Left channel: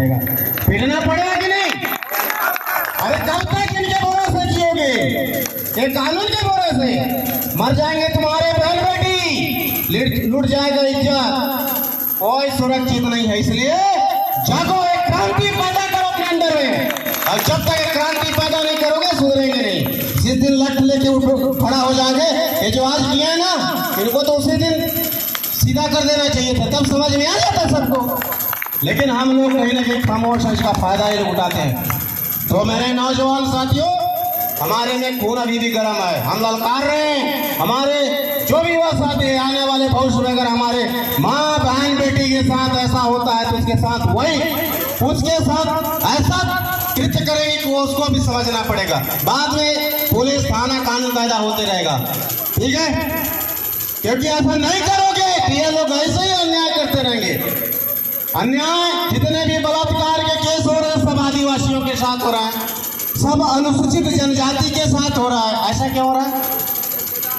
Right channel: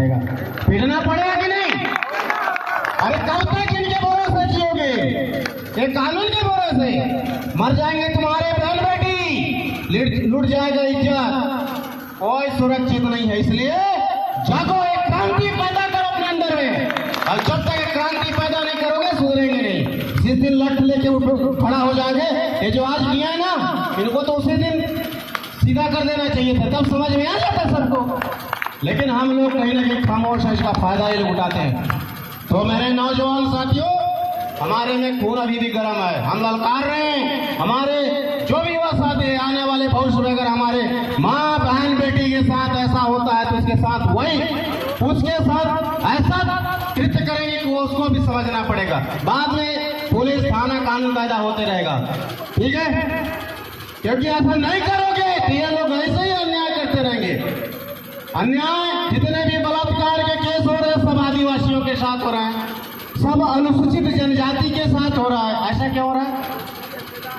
पड़ेगा, पीटना पड़ेगा कि नहीं? अरे कब तक इनके भरोसे जियोगे? ये कानून के भरोसे मर जाएंगे तुम्हारे बहन बेटी, लूट जाएगा इज्जत, कोई सुरक्षित नहीं है। इसलिए जागो, एक क्रांति पैदा करो अपने अंदर में, और जब तक एक क्रांति पैदा नहीं करोगे सुधरेंगे नहीं। जिस दिन लट लेके खड़ा हो जाओगे, ये जो आज किया है ना, इनको तो उसी दिन सीधा कर देना चाहिए था, तब समझ में आ जाता सबको। लेकिन हम लोग कहीं ना कहीं खामोश है, इसका फायदा ही लोग उठाते हैं। तो मेरे नौजवान साथियों, हमारे में खून अभी भी गर्म है, हम ललकार रहे हैं। हमारे जो भी युवा साथी है, आने वाले भविष्य में अगर हमारे माँ बहन बेटी के साथ ऐसा होता है तो उसके साथ ऐसा कृत्य करेंगे कि वो उसको भी समझना पड़ेगा। बाद में पुलिस थाना कानून कायदा होते रहेगा, ठीक है? क्योंकि ऐसा नहीं करोगे तो ये लोग ऐसे ही अन्याय करते रहेंगे। अन्याय जितने भी बलात्कार के केस हो रहे हैं सब आदिवासियों के साथ हो रहा है, सब अनुसूचित जनजाति के साथ हो रहा है। ऐसा क्यों हो रहा है?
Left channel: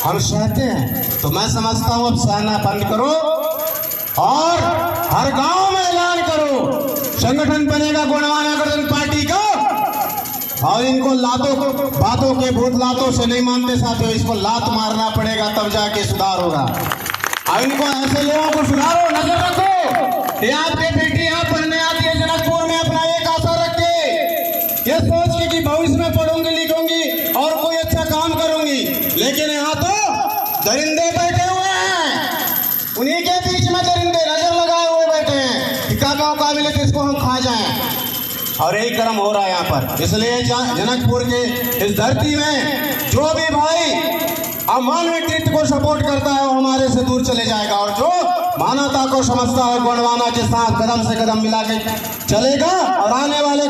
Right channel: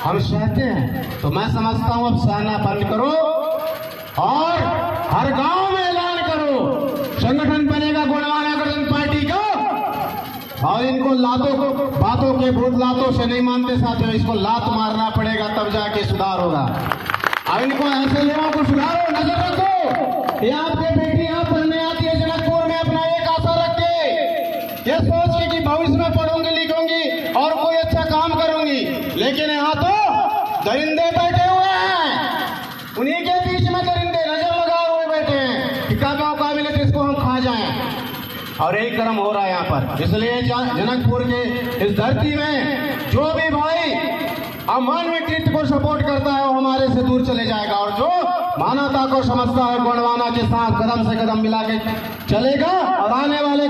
हम सहते हैं। तो मैं समझता हूँ अब सहना बंद करो और हर गांव में ऐलान करो, संगठन बनेगा गोंडवाना गठबंधन पार्टी का, और इनको बातों के भूत लातों से नहीं मानते साथियों, इसको लात मारना पड़ेगा तब जाके सुधार होगा। और इनको ऐसे लोगों को सुधारो, नजर रखो। ये आपके बेटी यहाँ पढ़ने आती है जनकपुर में, अपना एक आशा रख के, ये सोच के कि भविष्य में पढ़ूंगी लिखूंगी और कोई अच्छा काम करूंगी, लेकिन यहाँ तो दरिंदे बैठे हुए हैं, उन्हीं के बीच में दरिंदे नजर लगाए हुए बैठे हैं कि कब मौका मिले तो इसको हम खा जाएं। और यही कर्म हो रहा है यहाँ पर। इसलिए जनकपुर के इस धरती में जो भी भाई अमानवीय कृत्य को सपोर्ट करता है वो हमारे से दूर चले जाएगा, और जो मानवता को समझता है गोंडवाना के साथ कदम से कदम मिला के चलेगा। और आने वाले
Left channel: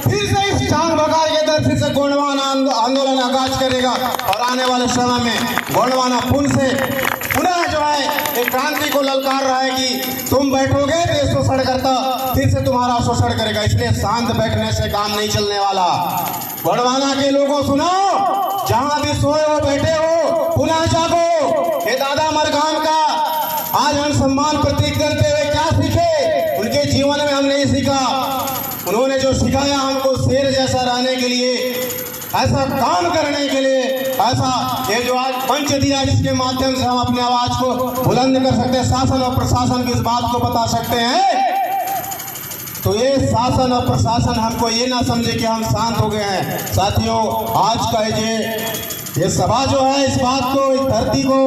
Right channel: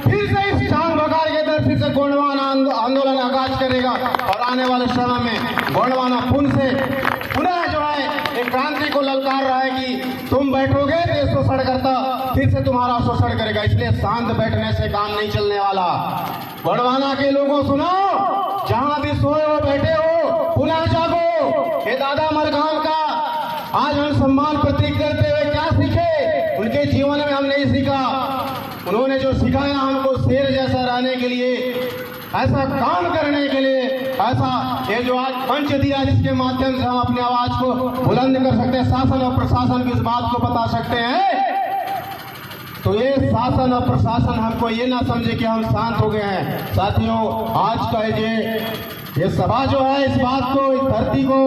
फिर से इस टांग भगार के दर फिर से गोंडवाना आंदोलन आगाज करेगा, और आने वाले समय में गोंडवाना पुनः जो है एक क्रांति को ललकार रहा है कि तुम बैठोगे देश शोषण करता, फिर से तुम्हारा शोषण करेगा। इसलिए शांत बैठने से काम नहीं चलने वाला। गोंडवाना के लोगों सुनो, जहां भी सोए हो बैठे हो, पुनः जागो। ये दादा मरगांव का आज हम सम्मान प्रतीक करते हुए क्या सीखे? उनके जीवन में हम नहीं सीखा, उन्होंने जो सिखाया हमको शेर जैसा रहने के लिए, ऐसा काम करने के लिए, ऐसा ये जो आज मंच दिया जिसके माध्यम से हम अपनी आवाज को बुलंद कर सकते हैं, शासन और प्रशासन की इस बात को बता सकते हैं। तो ये शासन और प्रशासन हमको ये ना समझे कि हम शांत हो गए हैं। साथियों, आज का ये सभा जो है, इस बात को, इस धरती को,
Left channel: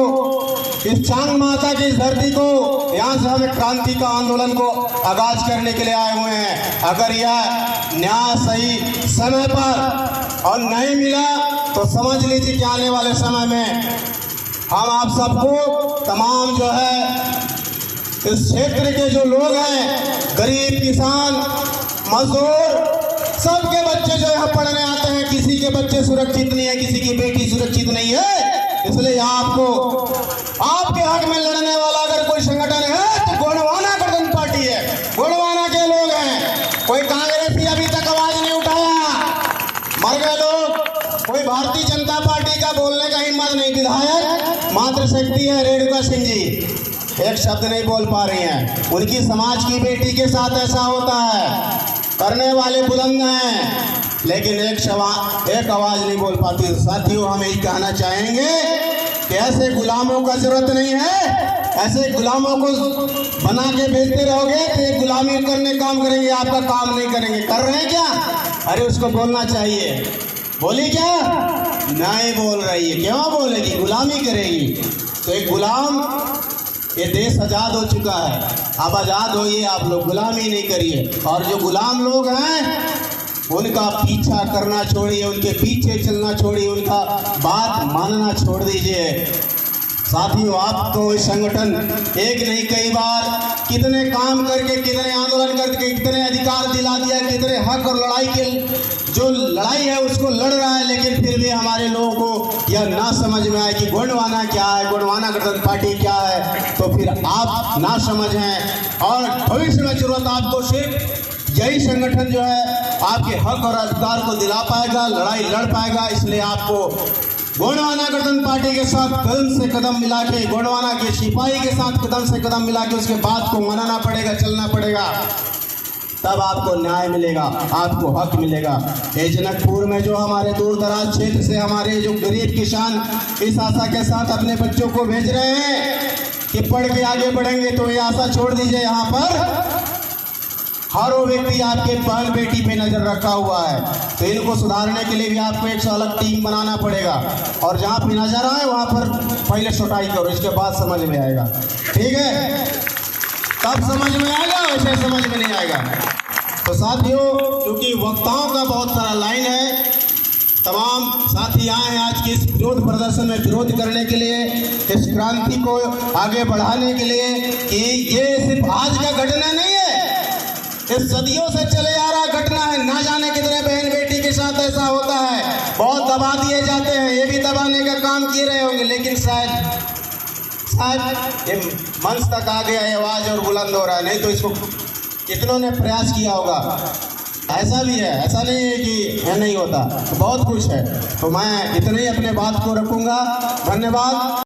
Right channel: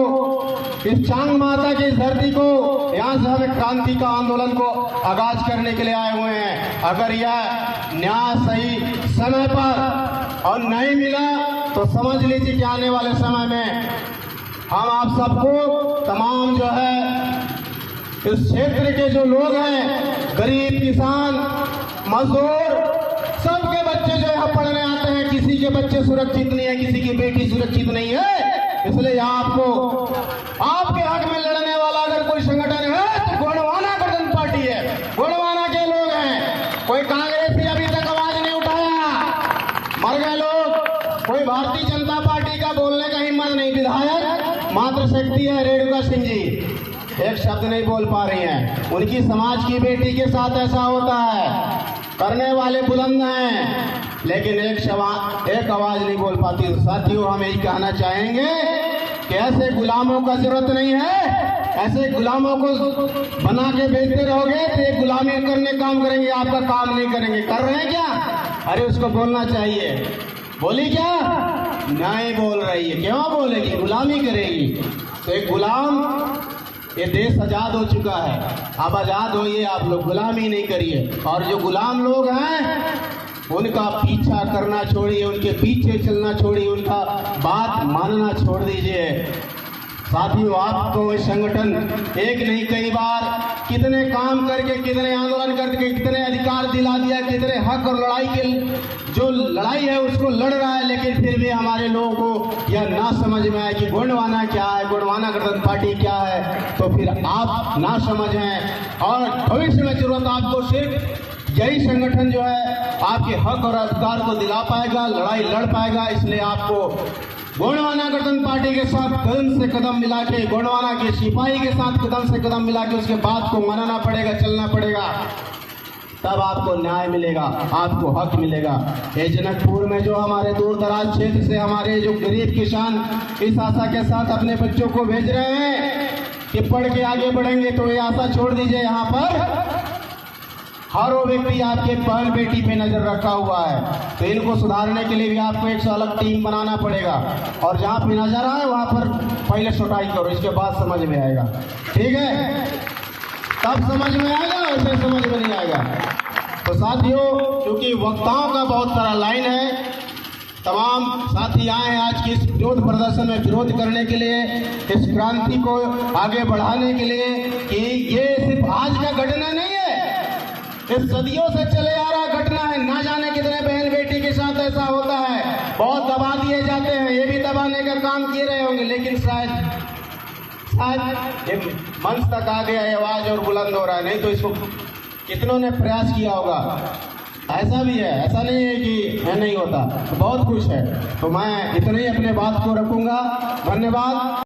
इस चांग माता की इस धरती को, यहाँ से हमें क्रांति का आंदोलन को आगाज करने के लिए आए हुए हैं। अगर यह न्याय सही समय पर और नहीं मिला तो समझ लीजिए कि आने वाले समय में हम आप सबको, तमाम जो है इस क्षेत्र के जो लोग हैं, गरीब, किसान, मजदूर, सबके बच्चे जो यहाँ पढ़ने आते हैं, किसी के बच्चे सुरक्षित नहीं है, किसी की बेटी सुरक्षित नहीं है। इसलिए आपको आपके हक में लड़ने वाला अगर कोई संगठन है तो गोंडवाना गठबंधन पार्टी है, गोंडवाना के लोग हैं। कोई कांग्रेसी अभी तक आवाज नहीं उठाया, मर गए लोग। कोई भारतीय जनता पार्टी का बोलने का हिम्मत नहीं। विधायक मात्र शक्ति है रेणुका सिंह जी, एक शब्द नहीं बोल पा रही हैं। उनकी समाज की बेटी के साथ ऐसा होता है, करने वाले बुलंद हैं लेकिन एक आवाज नहीं बोल पाती। साथियों, हम यही कहना चाहेंगे कि ऐसे गुलामों का जरूरत नहीं है। ऐसे गुलामों को बना के भेजते रहोगे तो ये गुलामी करने काम करेंगे, आपका काम नहीं करेंगे। कर रहे हैं क्या? अरे उसको बोलना चाहिए, बोली क्या? नहीं बोल रही है, क्यों बोलेगी? गुलामी करेगी। तो एक गुलाम, ये देश आजाद हो चुका है, आप आजाद होइए, आप लोग गुलामी नहीं करिए। और जो गुलाम लोग हैं उनका पीछा करना छोड़िए, उनके पीछे चलना छोड़िए, उनका बात मानना छोड़ दीजिए। साथियों, आपको इस संगठन एक नहीं कई बार कितने काम करके, कितने आंदोलन करके, कितने अधिकार दिला दिया, कितने हक और लड़ाई के जो लड़ाई है उसको लड़ रहा है, लेकिन फिर भी हमारे लोगों को यह ना समझ में आए कि गोंडवाना क्या है, गोंडवाना गठबंधन पार्टी क्या है। तो फिर आप ना समझ हैं और भविष्य में जरूरत आपको सिर्फ यही संगठन जो है आपके हक और अधिकार को दिला पाएगा, लड़ाई लड़ पाएगा। इसलिए आपको गोंडवाना गठबंधन पार्टी के साथ कदम से कदम मिला के, गोंडवाना के सिपाही के साथ कदम से कदम मिला के उसके बात को मानना पड़ेगा, चलना पड़ेगा। तब आपको न्याय मिलेगा, आपको हक मिलेगा। ये जनकपुर में जो हमारे दूर दराज क्षेत्र से हमारे जो गरीब किसान इस आशा के साथ अपने बच्चों को भेज रहे हैं कि पढ़ के आगे बढ़ेंगे, तो ये आशा छोड़ दीजिए। यहाँ पर हर वो व्यक्ति आपके बहन बेटी पे नजर रखा हुआ है, तो इनको सुधारने के लिए भी आपको एक अलग टीम बनाना पड़ेगा। और जहाँ पे नजर आए वहाँ पर पहले सुटाई करो, इसके बाद समझ में आएगा। ठीक है, तब समझ में आएगा, वैसे समझ में नहीं आएगा। तो साथियों, क्योंकि वक्ताओं का बहुत सारा लाइन है, तमाम साथी आए आज के इस विरोध प्रदर्शन में विरोध करने के लिए, इस क्रांति को आगे बढ़ाने के लिए कि ये सिर्फ आज का घटना नहीं है, ये सदियों से चले आ रहा घटना है। ना जाने कितने बहन बेटी के साथ ऐसा होता है, बहुत दबा दिए जाते हैं, ये भी दबाने का काम किए रहे होंगे, लेकिन शायद ये मंच तक आ गया है, आवाज और बुलंद हो रहा है, नहीं तो इसको कितनों ने प्रयास किया होगा। ऐसा भी है, ऐसा नहीं है कि यह नहीं होता, तो बहुत कुछ है। तो मैं इतने ही अपने बात को रखूंगा। धन्यवाद।